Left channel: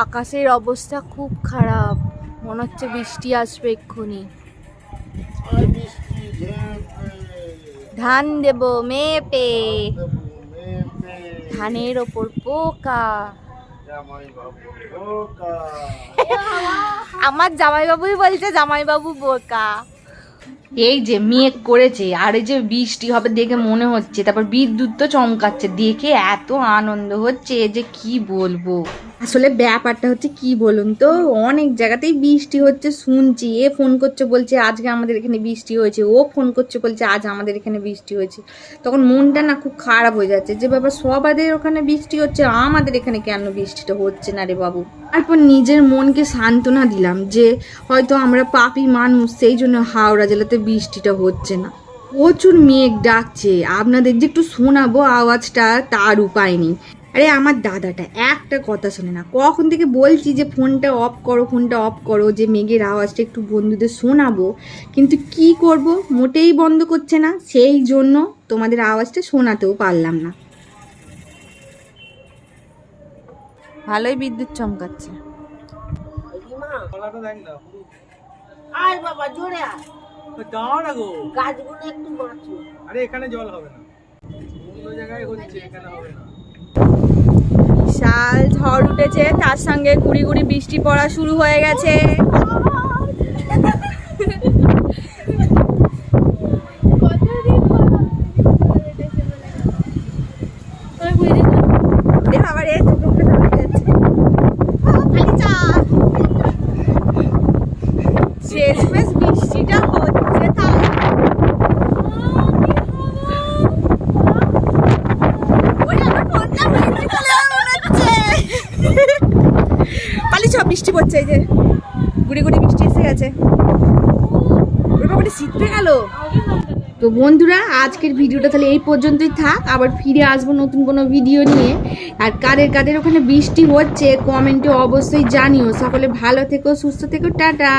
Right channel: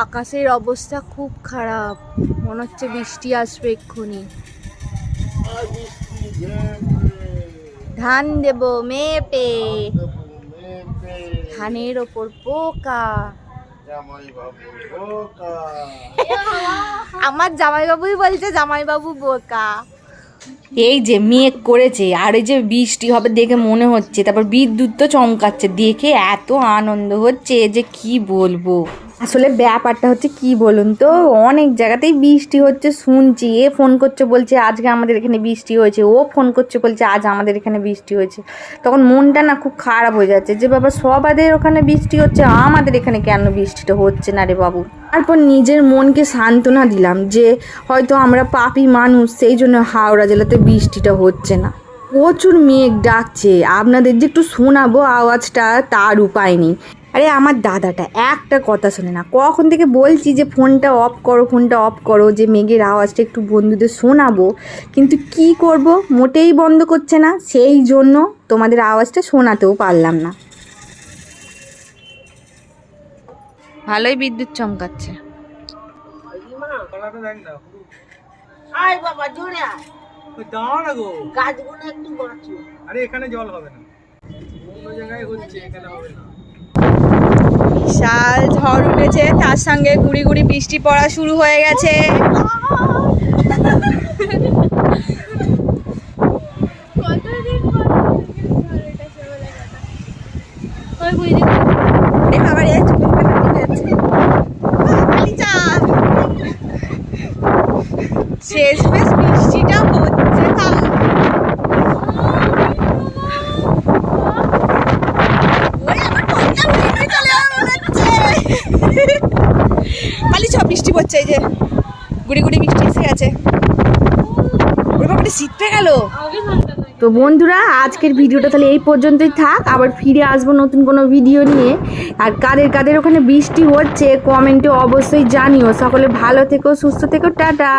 আকাশের অবস্থা খুব খারাপ, মনে হচ্ছে বৃষ্টি আসবে এক্ষুনি। ধান দেব মেপে, ধানের ওপর পোকা। আমার জামাইবাবুই বলছে জামাইবাবু বোকা। এই যে মেঘ করেছে আর এই যে বৃষ্টি হবে দেখে মনে হচ্ছে, তারপর বিদ্যুৎ তো চমকাচ্ছে, দেখে এত আনন্দ হচ্ছে যে কি বলবো। আসলে ব্যাপারটা হচ্ছে কি বলুন তো, অনেক জায়গাতেই বৃষ্টি হচ্ছে শুনছি। এ ফোন করছে বলছে আজকে আমাদের এখানে বৃষ্টি হয়েছে, ও ফোন করছে বলছে আজ আমাদের এখানে বৃষ্টি হয়েছে। তখন মনটা না খুব খারাপ হয়ে যাচ্ছে যে বাবা সবাদের ওখানে বৃষ্টি হচ্ছে, আমাদের এখানে কেন বৃষ্টিটা হচ্ছে না রে বাবু। তারপর নিজের মনকে সান্ত্বনা দিলাম যে হয়তো আমরা পাপী মানুষ, সেই জন্য হাওড়া জেলাতে বৃষ্টিটা হচ্ছে না। প্রচুর মেঘ ডাকছে, আপনাদের যে একটু শোনাবো আওয়াজটা তার উপায় নেই। আরে আমার দাদাটা একটা কথা শোনে না, কখন থেকে বলছি যে ফোনটা অফ করো, ফোনটা অফ করো, যে মেঘের আওয়াজটা একটু বন্ধুদের শোনাবো, কিন্তু কি করব, মোটেই বন্ধ করছে না, সেই জন্য তোমাদের আওয়াজটা শোনাতেও পারলাম না। ভালোই বিদ্যুৎ চমকাচ্ছে। আয় বাবা জোরে আয়, দাও না গো, গাছগুলো একটু বাঁচো। আরে এখানে জল হবে না, অন্য জায়গায় হচ্ছে, এখানে হবে না। বিশাল ঝড় উঠেছে, তার সঙ্গে গুড়ি গুড়ি বৃষ্টি পড়া শুরু হয়ে গেছে। শেষমেশ বৃষ্টিটা হচ্ছে, তাও পালিছ, বৃষ্টি পড়ছে, এই যে গুড়ি গুড়ি বৃষ্টি এসে গেছে। ওই ব্যাপারে শীত পেয়ে গেল। তো বন্ধুরা আজকের ভিডিওটা তাহলে এই পর্যন্তই থাক, আবার ফিরে আসবো নতুন কোনো ভিডিও নিয়ে। আর কাদের কাদের ওখানে বৃষ্টি হচ্ছে কমেন্টে অবশ্যই জানিও। সকলে ভালো থেকো, সুস্থ থেকো, টাটা।